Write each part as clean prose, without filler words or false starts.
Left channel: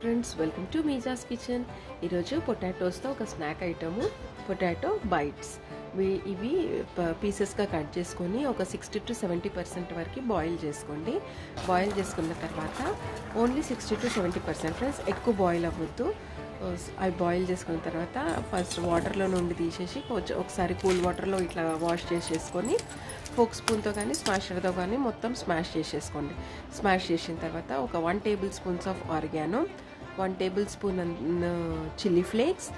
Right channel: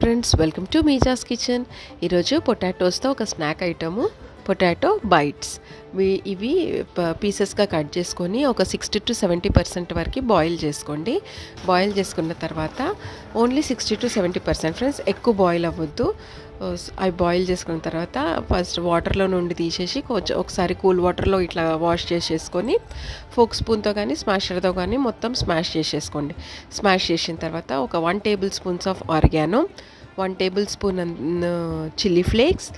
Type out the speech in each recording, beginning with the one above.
Friends welcome to Meeja's kitchen. ఈరోజు పొటాటోస్తో ఒక స్నాక్ ఐటము పొటాటో బైట్స్. ఇవి పీసెస్గా కట్ చేసుకొని ఒక 60 to 70% వరకు బాయిల్ చేసుకోండి. బాయిల్ చేసుకున్న తర్వాత ఓన్లీ 60 to 70% ఫ్రెండ్స్, ఎక్కువ బాయిల్ అవ్వద్దు. అవి బాయిల్ చేసుకున్న తర్వాత ఫస్ట్ వాటర్లో నుండి తీసేసి ఒకసారి కూల్ వాటర్లో ఇట్లా వాష్ చేసేసుకొని ఫోక్ స్పూన్తో కానీ స్మాషర్తో కానీ మొత్తం స్మాష్ చేసేసుకోండి. స్మాష్ చేసిన తర్వాత ఒక 1 table spoons of organo, 1 table spoon chilli flakes,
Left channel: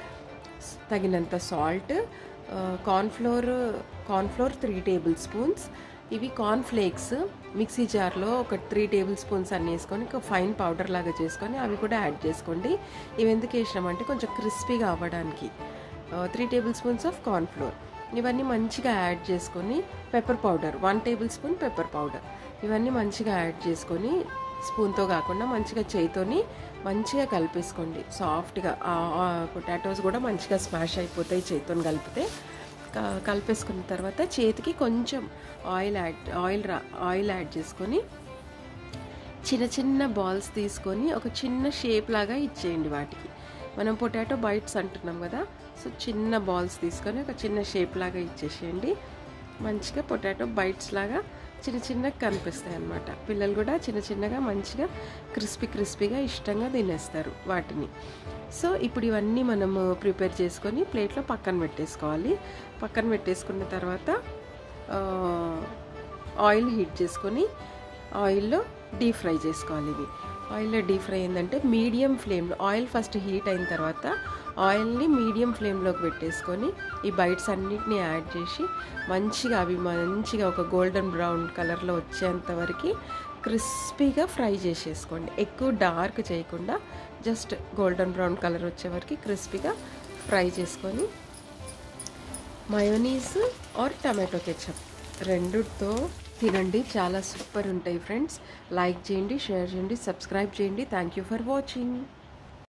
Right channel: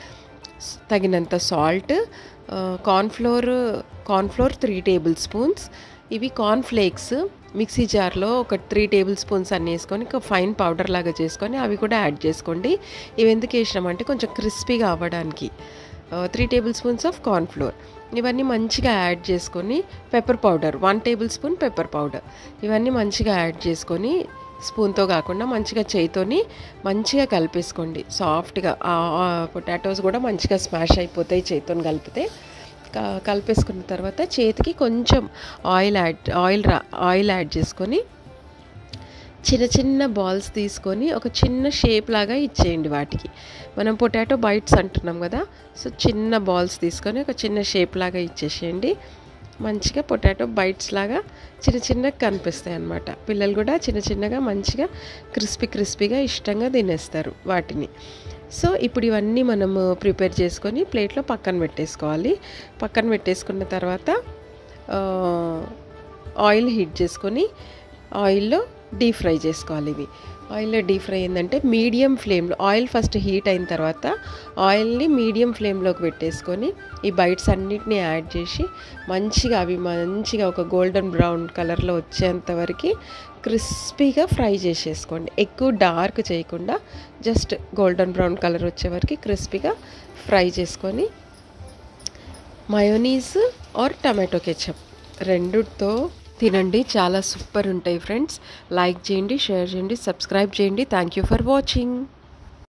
తగినంత సాల్ట్, కార్న్ఫ్లోర్ 3 టేబుల్ స్పూన్స్. ఇవి కార్న్ఫ్లేక్స్ మిక్సీ జార్లో ఒక 3 టేబుల్ స్పూన్స్ అన్నీ వేసుకొని ఒక ఫైన్ పౌడర్ లాగా చేసుకొని అవి కూడా యాడ్ చేసుకోండి. ఇవి ఎందుకు వేసినామంటే కొంచెం క్రిస్పీగా అవ్వడానికి. 3 టేబుల్ స్పూన్స్ ఆఫ్ కార్న్ఫ్లోర్ ఇవన్నీ మంచిగా యాడ్ చేసుకొని, pepper powder 1 table spoon pepper powder ఇవన్నీ మంచిగా యాడ్ చేసుకొని స్పూన్తో కాకుండా మంచిగా చేయితోని మంచిగా కలిపేసుకోండి. సాఫ్ట్గా పొటాటోస్ కూడా మంచిగా స్మాష్ అయిపోతాయి చేయితో కలిపితే. కలిపేసుకున్న తర్వాత చేతికి కొంచెం ఆయిల్ యాడ్ చేసుకొని చిన్న చిన్న బాల్స్ తీసుకొని ఒక చిన్న షేప్ లాగా ఇచ్చేయండి. వాటికి మనం పొటాటో బైట్స్ అంటున్నాం కదా, సో చిన్న బాల్స్ తీసుకొని ఒక చిన్న షేప్ లాగా ఇచ్చేసేయండి. మంచిగా పొటాటో బైట్స్ లాగా చిన్న చిన్నగా కనిపిస్తాయి అన్నమాట. పిల్లలు కూడా చిన్న చిన్నగా మంచిగా క్రిస్పీగా ఇష్టంగా తినేస్తారు వాటిని. సో ఇప్పుడు ఇవన్నీ మనము ప్రిపేర్ చేసుకొని ప్లేట్లో పక్కన పెట్టేసుకోవాలి. పక్కన పెట్టేసుకున్న తర్వాత ఆయిల్ హీట్ చేసుకొని ఆయిల్లో డీప్ ఫ్రై చేసుకోవాలి. ఇవి ఆయిల్లో డీప్ ఫ్రై ఏంటంటే మీడియం ఫ్లేమ్లో ఆయిల్ ఫస్ట్ హీట్ అయిన తర్వాత ఆయిల్ని మీడియం ఫ్లేమ్లోకి పెట్టేసుకొని ఈ బైట్స్ అన్నిటిని యాడ్ చేసి అవి మంచిగా ఒక గోల్డెన్ బ్రౌన్ కలర్లో వచ్చేంత వరకు క్రిస్పీగా ఫ్రై చేసేసుకోండి. ఎక్కువ డార్క్ చేయకుండా జస్ట్ గోల్డెన్ బ్రౌన్ కలర్ వచ్చే వరకు క్రిస్పీగా ఫ్రై చేసుకొని మయోనీస్ ఆర్ టమాటో కెచప్ రెండుతో తినండి. చాలా సూపర్ ఉంటాయి ఫ్రెండ్స్. లైక్ చేయండి, షేర్ చేయండి, సబ్స్క్రైబ్ చేయండి. Thank you for watching.